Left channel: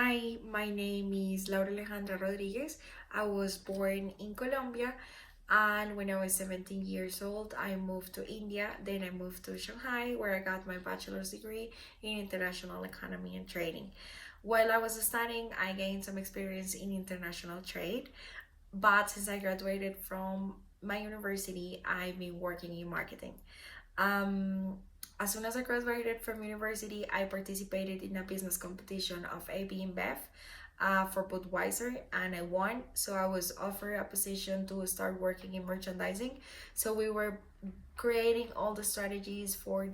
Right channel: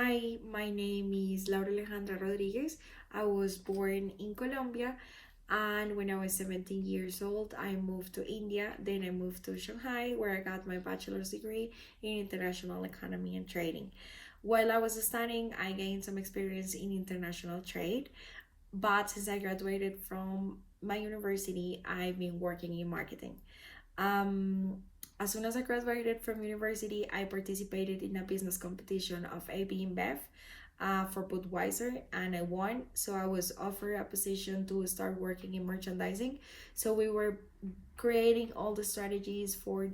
Hi, my name is Laura Alejandra Rodriguez. I was born in Colombia, and when I was 17 years old, I moved to India. Then I moved to Shanghai, where I got my bachelor's degree in international economy and trading. While I was studying, I gained some experience in international trade, but since I graduated from my university, I've been working in marketing. Um, as soon as I graduated from university, I participated in a business competition of AB InBev for Budweiser, and I won. So I was offered a position to start working in merchandising. So we were creating all the strategies for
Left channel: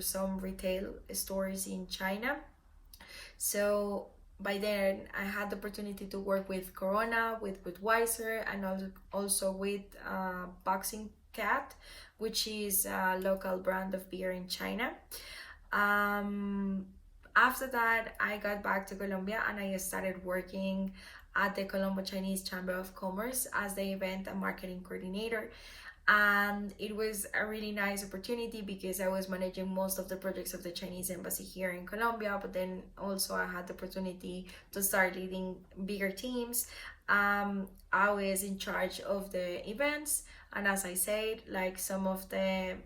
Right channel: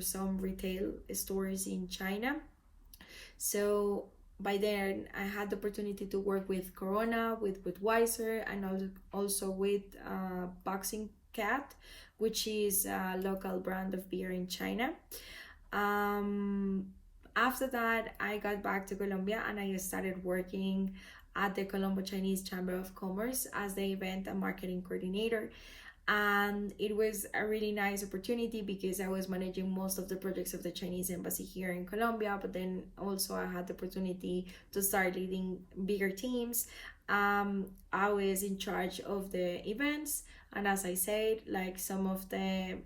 some retail stores in China. So by then, I had the opportunity to work with Corona, with Budweiser, and also with Boxing Cat, which is a local brand of beer in China. Um, After that, I got back to Colombia and I started working at the Colombo Chinese Chamber of Commerce as the event and marketing coordinator. And it was a really nice opportunity because I was managing most of the projects of the Chinese embassy here in Colombia, but then also I had the opportunity to start leading bigger teams. I was in charge of the events, and as I said, like some of the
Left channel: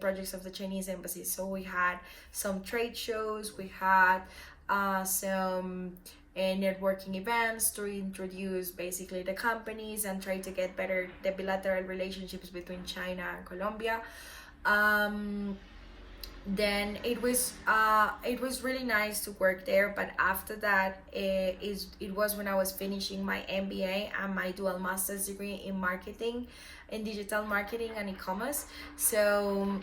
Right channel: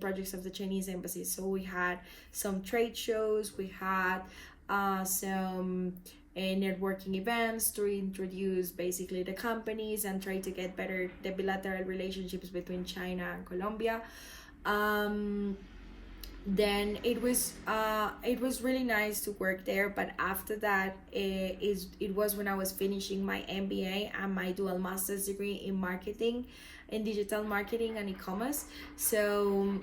projects of the Chinese embassy. So we had some trade shows, we had some networking events to introduce basically the companies and try to get better the bilateral relationships between China and Colombia. Um, then it was really nice to work there, but after that it was when I was finishing my MBA and my dual master's degree in marketing, in digital marketing and e-commerce. So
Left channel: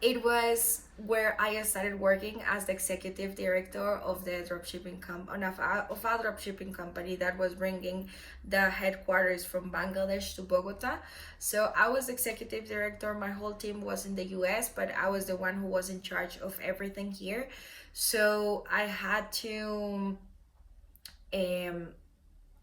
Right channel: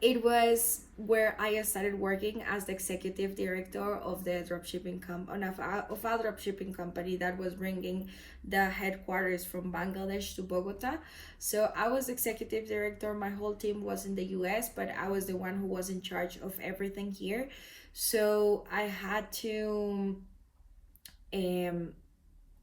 it was where I started working as the executive director of the dropshipping of a dropshipping company that was bringing the headquarters from Bangladesh to Bogota. So I was executive director. My whole team was in the US, but I was the one who was in charge of everything here. So um,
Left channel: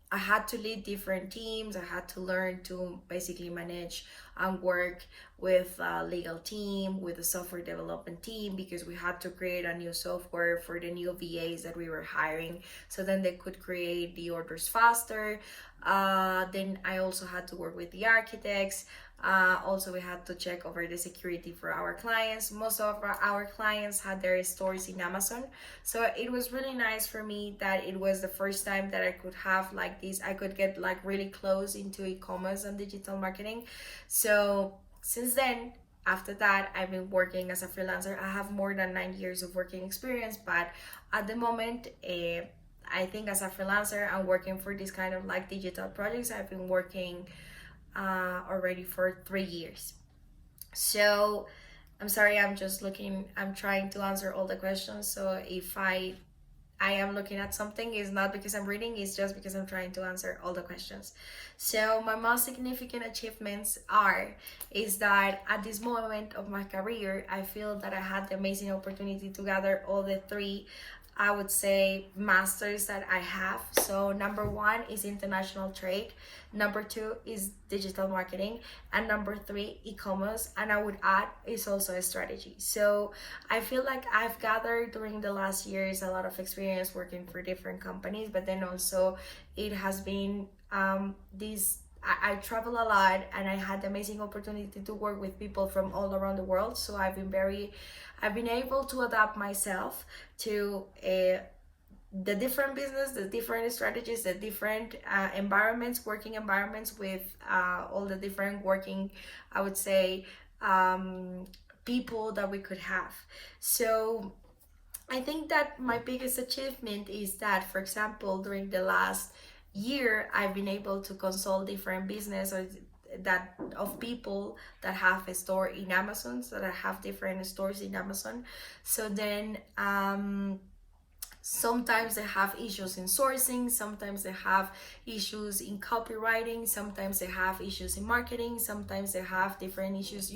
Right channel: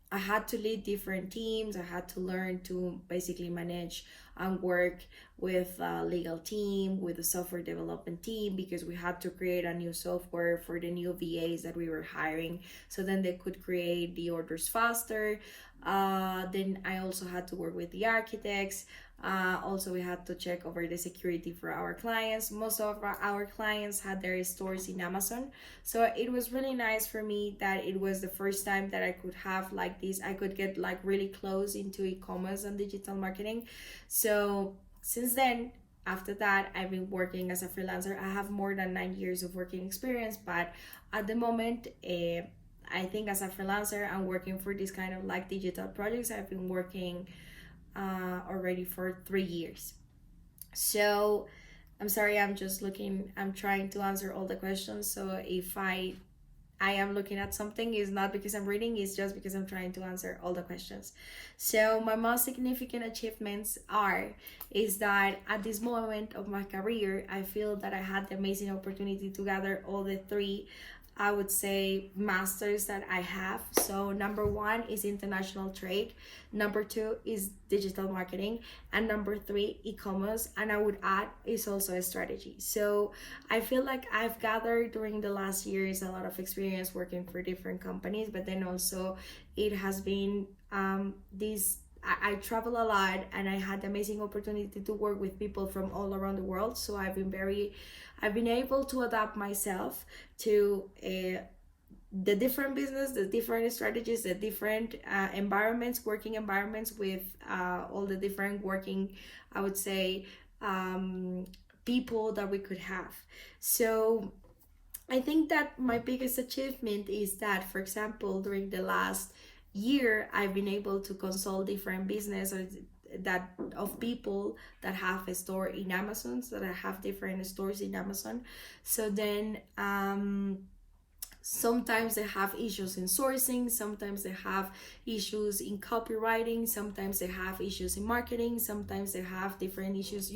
I had to lead different teams. I had to learn to basically manage and work with a legal team, with a software development team, because we had to create a new software for the new VAs that we were hiring so then they could create the orders faster. Then I also had to work with the architects. Also, we had to check over the security for our clients. Most of our clients had their stores in Amazon. So it was really nice for me that it was the first time that I could have like this, I could get like really close into e-commerce and digital marketing. So since then, after that, I've been working as a freelancer. I have more than 9 years of working experience, but at the moment, I think as a freelancer and working for this kind of like digital projects, I've been working already for 3 years. So I'm sorry, I'm trying to answer all the questions. So if I am looking at something, is not because I'm reading, it's just because I'm trying to answer all the questions. So my most significant achievements is that at this moment of my career, I feel that I had the amazing opportunity to gather all the three, I would say, masters that I have. So number one is international trade, number two is digital marketing, and number three e-commerce, and I would add is also a strategy. So I feel like I've gathered during the last years a lot of experience working for different companies, but then also it has been this I travel a lot and I had the amazing opportunity to work with people from all around the world. So I've been able to adapt myself to the different business, the different strategies, the different working environments with all the different working, I would say, um, people that we could have. So I think that my biggest achievement is that, for example, during the last year, I've been able to consult different business or that of people that have a store in Amazon, so that have different stores in Amazon. So then sometimes they have issues in sourcing, sometimes they have issues in copywriting, sometimes they have issues in marketing, sometimes they have different issues.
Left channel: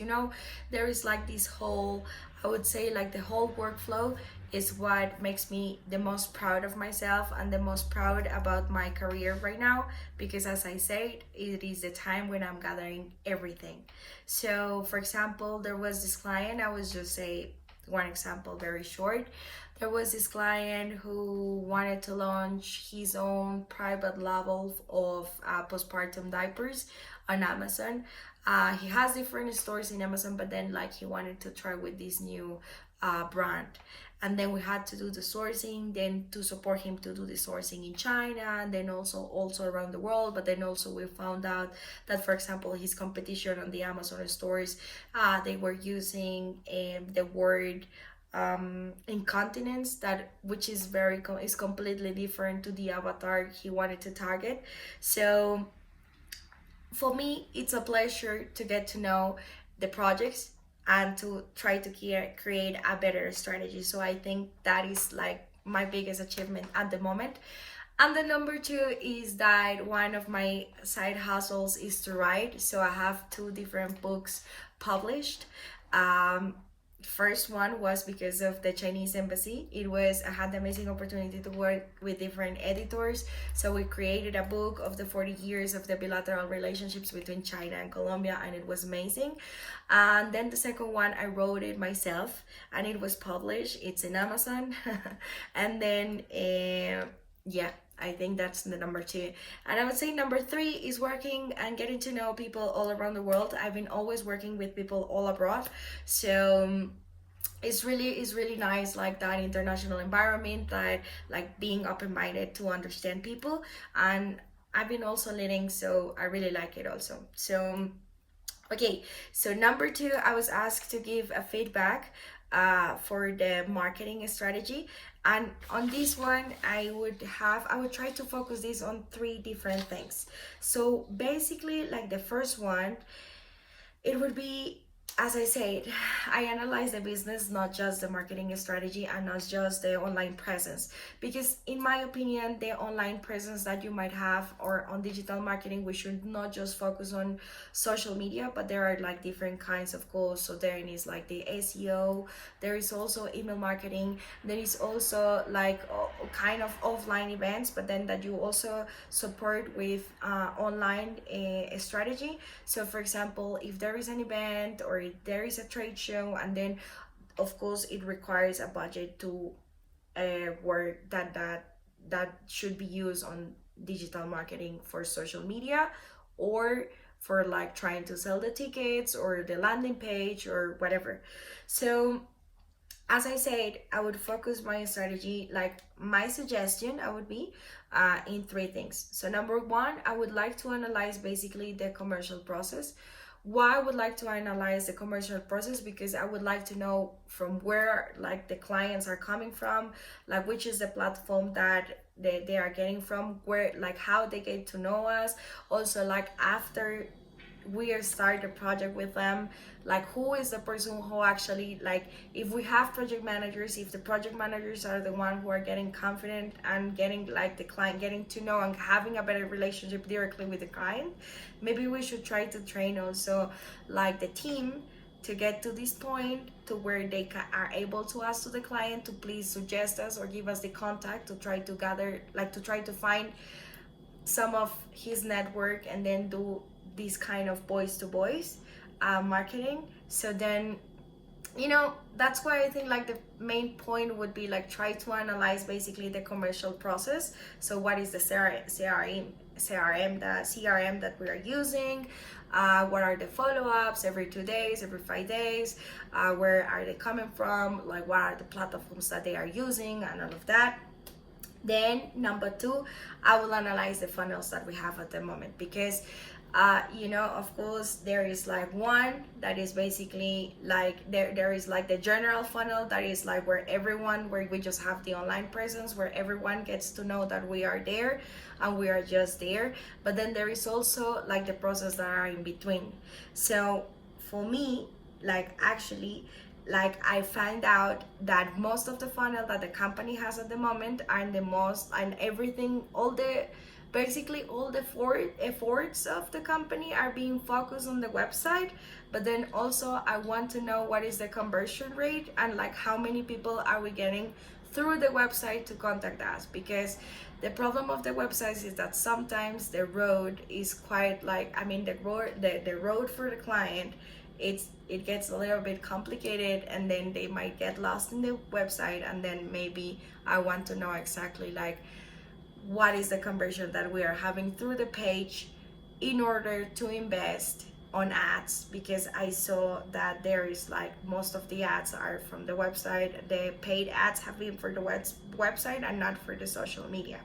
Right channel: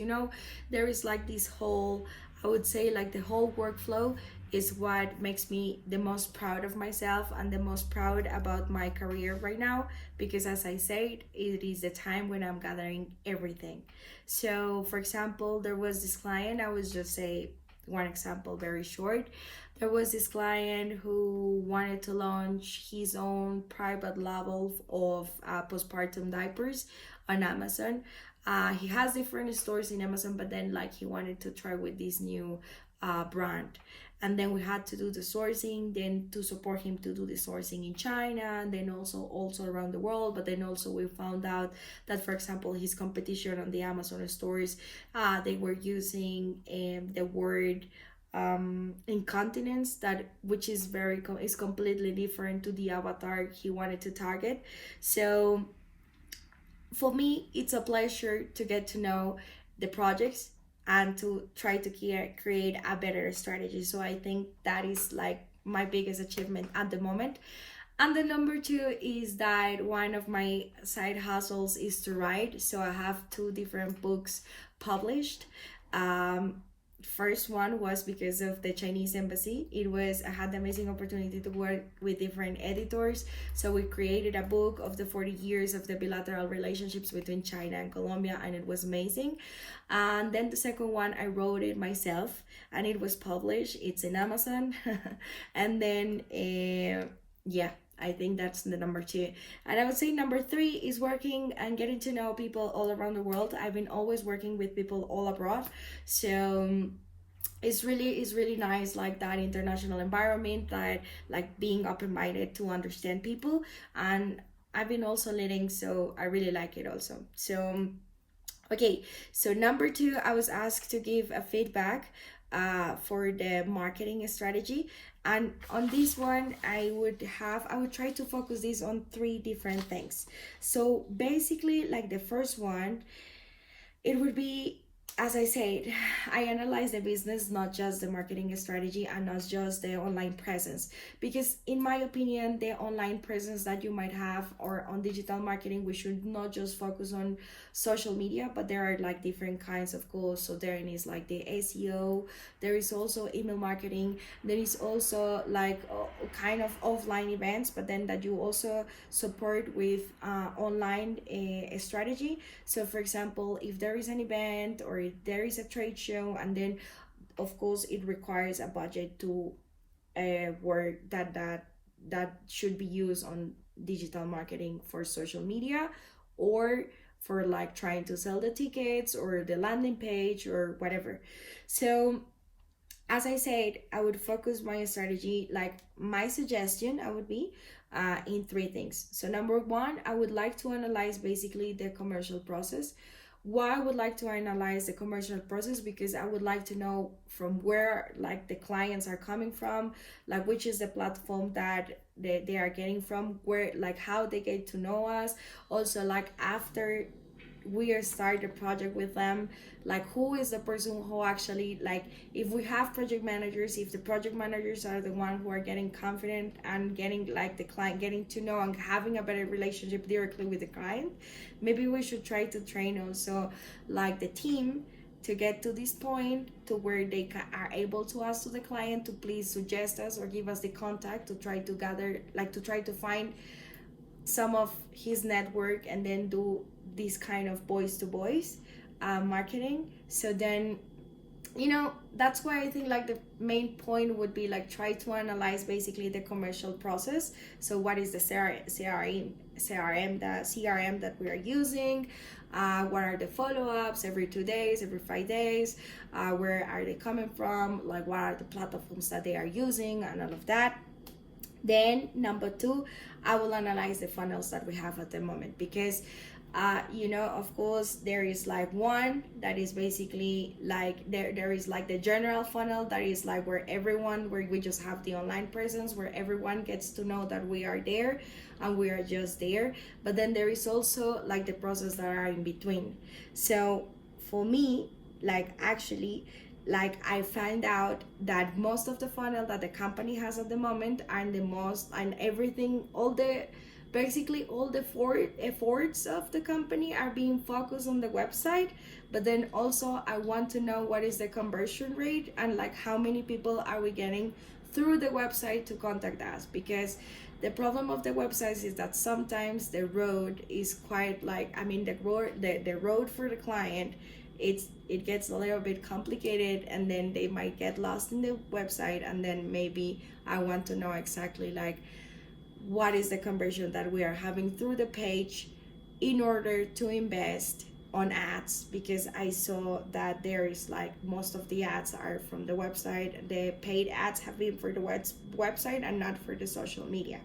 There is like this whole, I would say, like the whole workflow is what makes me the most proud of myself and the most proud about my career right now, because as I said, it is the time when I'm gathering everything. So for example, there was this client, I was just say one example very short. there was this client who wanted to launch his own private label of postpartum diapers on Amazon. He has different stores in Amazon, but then like he wanted to try with this new brand. And then we had to do the sourcing, then to support him to do the sourcing in China, and then also around the world. But then also we found out that, for example, his competition on the Amazon stores, they were using the word incontinence, that which is is completely different to the avatar he wanted to target. So for me, it's a pleasure to get to know the projects and to try to create a better strategy. So I think that is like my biggest achievement at the moment. And the number two is that one of my side hustles is to write. So I have two different books published. First one was because of the Chinese embassy. I had the amazing opportunity to work with different editors, so we created a book of the 40 years of the bilateral relationships between China and Colombia, and it was amazing. And then the second one, I wrote it myself and it was published. It's in Amazon. And then yeah, I think that's the number two. And I would say number three is working and getting to know people all around the world. I've been always working with people all abroad. So it's really nice, like that international environment, that like being open-minded to understand people. And I've been also leading, so I really like it also. So okay, so number two, I was asked to give a feedback for the marketing strategy. And on this one, I would try to focus this on three different things. So basically, like the first one, it would be, as I said, I analyze the business, not just the marketing strategy and not just the online presence. Because in my opinion, the online presence that you might have or on digital marketing, we should not just focus on social media, but there are like different kinds of goals. So there is like the SEO, there is also email marketing, there is also like kind of offline events, but then that you also support with online strategy. So for example, if there is an event or if there is a trade show, and then of course it requires a budget to work that should be used on digital marketing for social media, or for like trying to sell the tickets or the landing page or whatever. So as I said, I would focus my strategy, like my suggestion, I would be in three things. So number one, I would like to analyze basically the commercial process. Why I would like to analyze the commercial process? Because I would like to know from where like the clients are coming from, like which is the platform that they are getting from, where like how they get to know us. Also, like after we start the project with them, like who is the person who actually, like if we have project managers, if the project managers are the one who are getting confident and getting like the client getting to know and having a better relationship directly with the client, maybe we should try to train also like the team to get to this point to where they are able to ask to the client to please suggest us or give us the contact to try to gather, like to try to find some of his network and then do this kind of voice to voice marketing. So then, you know, that's why I think like the main point would be like try to analyze basically the commercial process. So what is the CRM that we are using, what are the follow-ups every 2 days, every 5 days, where are they coming from, like what are the platforms that they are using and all of that. Then number two, I will analyze the funnels that we have at the moment, because you know, of course, there is like one that is basically like there is like the general funnel that is like where we just have the online presence, where everyone gets to know that we are there and we are just there. But then there is also like the process that are in between. So for me, like actually, like I find out that most of the funnel that the company has at the moment and everything, basically all the efforts of the company are being focused on the website. But then also I want to know what is the conversion rate and like how many people are we getting through the website to contact us. Because the problem of the websites is that sometimes the road is quite like, I mean, the road for the client it gets a little bit complicated, and then they might get lost in the website, and then maybe I want to know exactly like what is the conversion that we are having through the page in order to invest on ads, because I saw that there is like most of the ads are from the website. The paid ads have been for the website and not for the social media.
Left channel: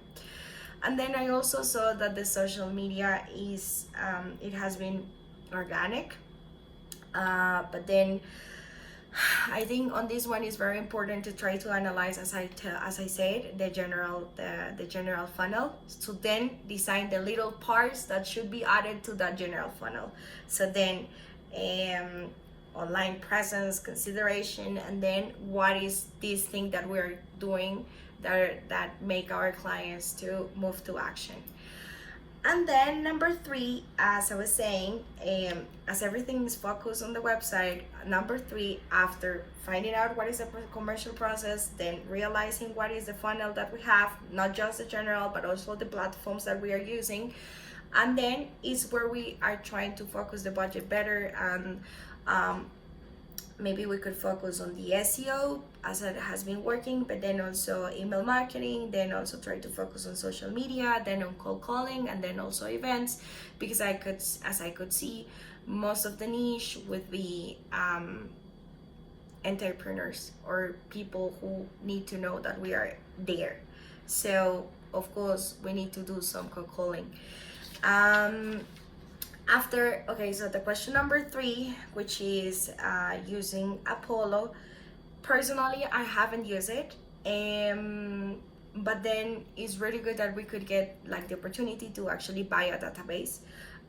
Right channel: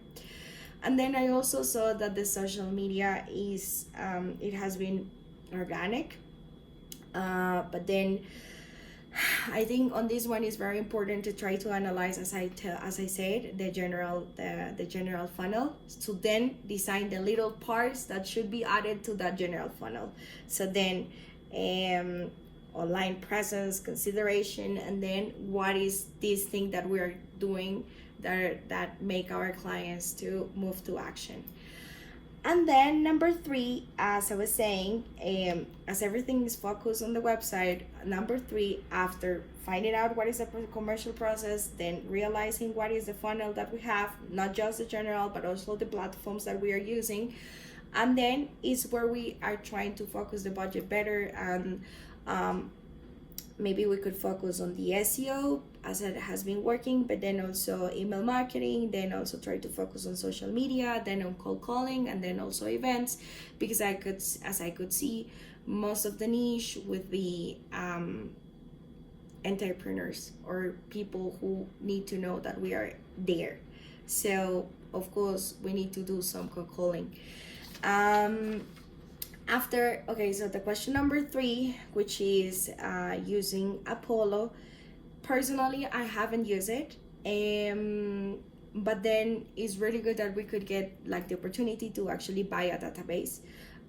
And then I also saw that the social media is it has been organic, but then I think on this one is very important to try to analyze, as I said, the general funnel, to then design the little parts that should be added to that general funnel. So then online presence, consideration, and then what is this thing that we're doing that make our clients to move to action. And then number 3, as I was saying, as everything is focused on the website, number 3, after finding out what is the commercial process, then realizing what is the funnel that we have, not just the general, but also the platforms that we are using. And then is where we are trying to focus the budget better. And maybe we could focus on the SEO as it has been working, but then also email marketing, then also try to focus on social media, then on cold calling, and then also events, because as I could see, most of the niche would be entrepreneurs or people who need to know that we are there. So of course we need to do some cold calling. So the question number 3, which is using Apollo. Personally, I haven't used it, but then it's really good that we could get like the opportunity to actually buy a database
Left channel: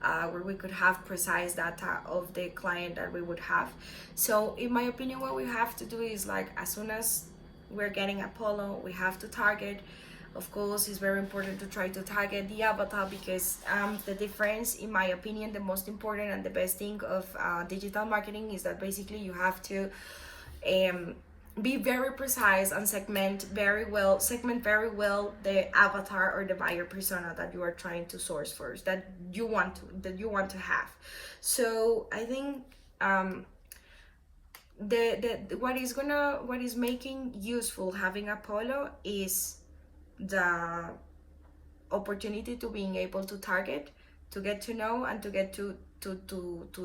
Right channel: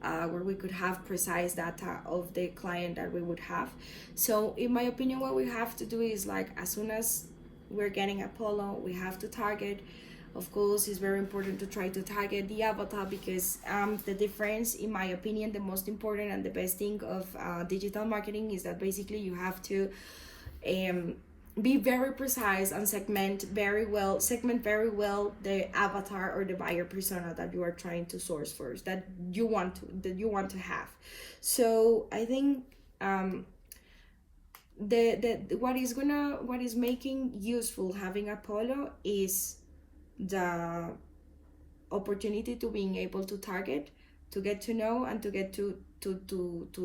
where we could have precise data of the client that we would have. So in my opinion, what we have to do is like, as soon as we're getting Apollo, we have to target. Of course, it's very important to try to target the avatar, because the difference, in my opinion, the most important and the best thing of digital marketing is that basically you have to be very precise and segment very well the avatar or the buyer persona that you are trying to source first, that you want to have. So I think what is making useful having Apollo is the opportunity to being able to target, to get to know, and to get to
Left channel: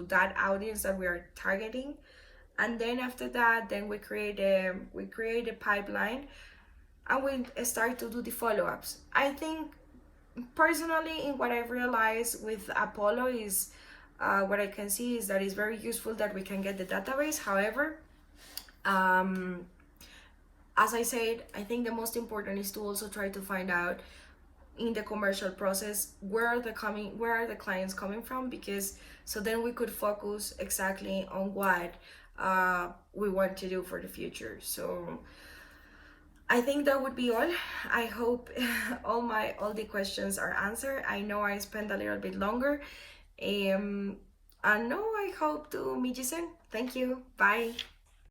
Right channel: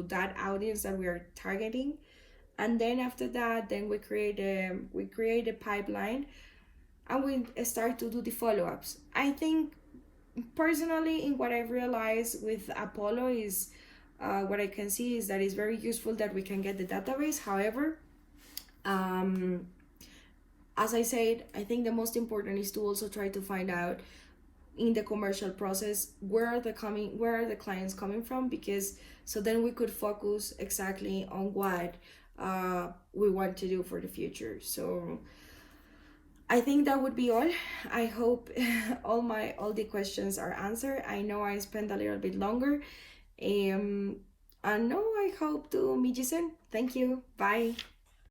that audience that we are targeting. And then after that, then we create a pipeline, and we start to do the follow-ups. I think personally, in what I've realized with Apollo is what I can see is that it's very useful that we can get the database. However, as I said, I think the most important is to also try to find out in the commercial process where are the clients coming from, because so then we could focus exactly on what we want to do for the future. So I think that would be all. I hope all the questions are answered. I know I spent a little bit longer, and no, I hope to meet you soon. Thank you. Bye.